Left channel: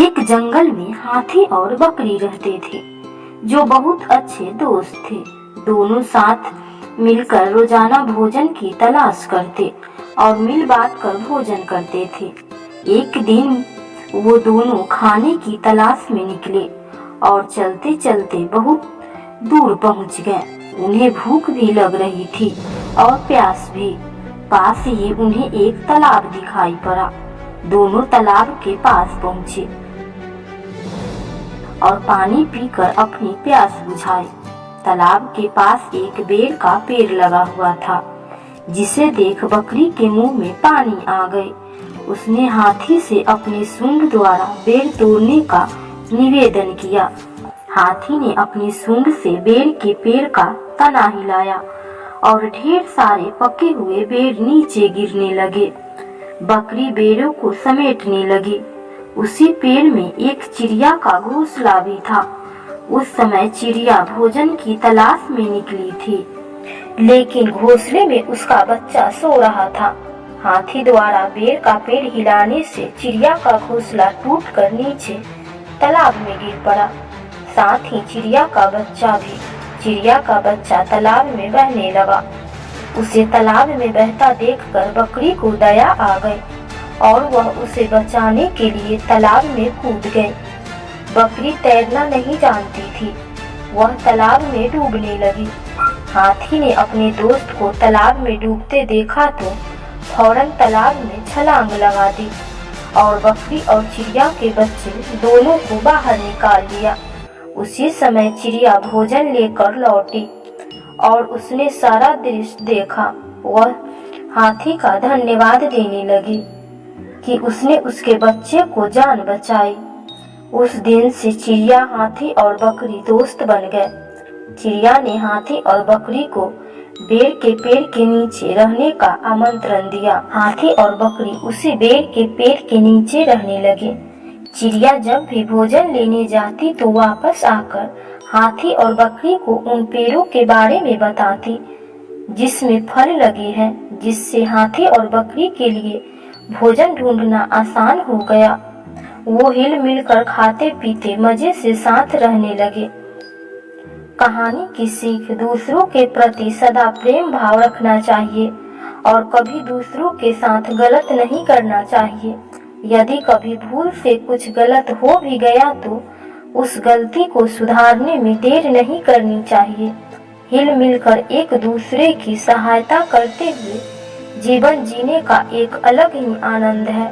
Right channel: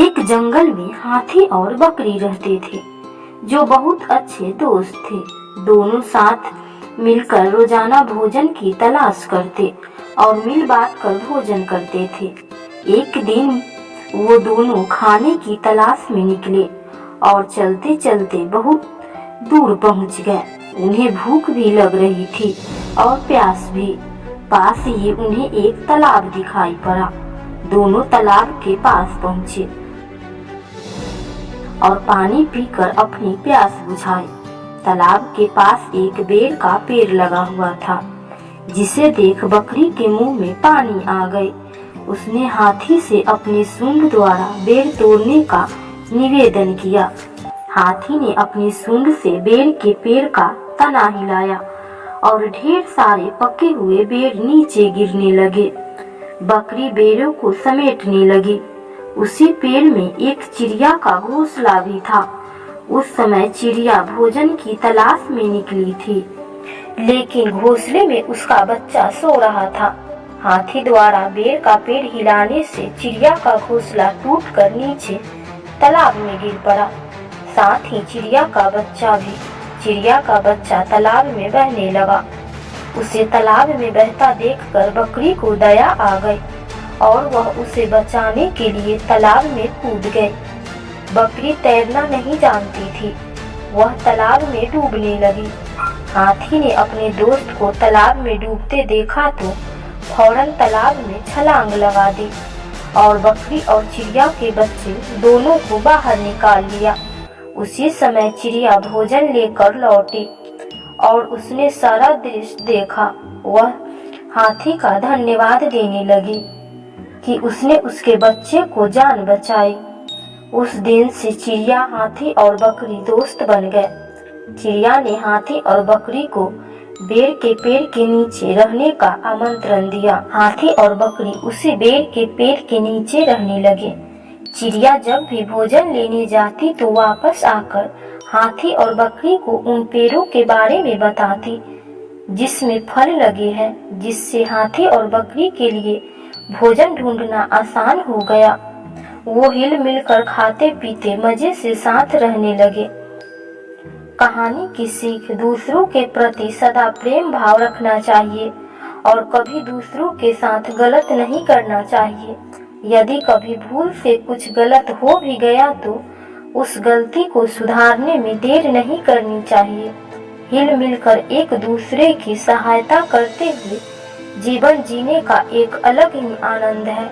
एक जंगल में हाथी और बकरी रहते थे, जो बहुत अच्छे दोस्त थे। दोनों साथ मिलकर रोजाना भोजन की तलाश करते और मिल बांट कर भोजन करते थे। एक दिन वो दोनों खाने की तलाश में निकले और चलते चलते बहुत दूर पहुंच गए। उन्हें भूख भी लग रही थी और प्यास भी। पास ही उन्हें एक तालाब दिखाई पड़ा। दोनों तालाब के पास पहुंचे और पानी पीकर अपनी प्यास बुझाई। तालाब के पास एक बेर का पेड़ लगा हुआ था, जिसे देख बकरी के मुंह में पानी आ गई। उसने हाथी से अपनी सूंड द्वारा बेर तोड़ने का निवेदन किया। हाथी ने अपनी सूंड से बेर के पेड़ का तना हिलाया और ढेर सारे पके हुए बेर नीचे गिरने लगे। बकरी बेरों को समेटने लगी। उसी पेड़ में एक चिड़िया का घोंसला भी था। उस समय चिड़िया भोजन की तलाश में निकली थी, लेकिन घोंसले में उसका बच्चा सो रहा था। हाथी द्वारा बेर का पेड़ हिलाने से चिड़िया का घोंसला टूटकर नीचे तालाब में गिर पड़ा, साथ ही चिड़िया का बच्चा भी। चिड़िया का बच्चा तालाब में बहने लगा। उसे तालाब में बहता देखकर बकरी को दया आ गई और वह उसे बचाने के लिए तालाब में कूद गई। बकरी तैरना नहीं जानती थी, वह तालाब में डूबने लगी। हाथी ने अपने दोस्त को तालाब में डूबते देखा तो फौरन तालाब में छलांग लगा दी और बकरी और चिड़िया के बच्चे दोनों को बाहर निकाल लिया। उसी समय चिड़िया भोजन लेकर लौटी और उसने सारा दृश्य देखा। वह हाथी का धन्यवाद देने लगी कि उसने उसके बच्चे को जान बचाई। उस दिन से चिड़िया, हाथी और बकरी दोस्त बन गए। चिड़िया ने हाथी और बकरी को बेर के पेड़ के नीचे रहने का आमंत्रण दिया। हाथी और बकरी उसी बेर के पेड़ के नीचे रहने लगे। चिड़िया जब भी भोजन लेने जाती तो वापस आकर हाथी और बकरी को उन पेड़ों के बारे में बताती जिसमें फल लगे हैं, जिससे हाथी और बकरी के लिए भोजन ढूंढना आसान हो गया। वो हिल मिलकर खाते पीते मजे से साथ रहने लगे। कहानी की सीख: दूसरों के प्रति सदा प्रेम भाव रखना चाहिए और कभी दूसरों के साथ गलत नहीं करना चाहिए। यदि कभी भूल से कुछ गलत हो भी गया तो उस गलती को सुधारने में देर नहीं करनी चाहिए। हिल मिलकर एक दूसरे की सहायता करते हुए जीवन जीने का एक अलग ही आनंद है।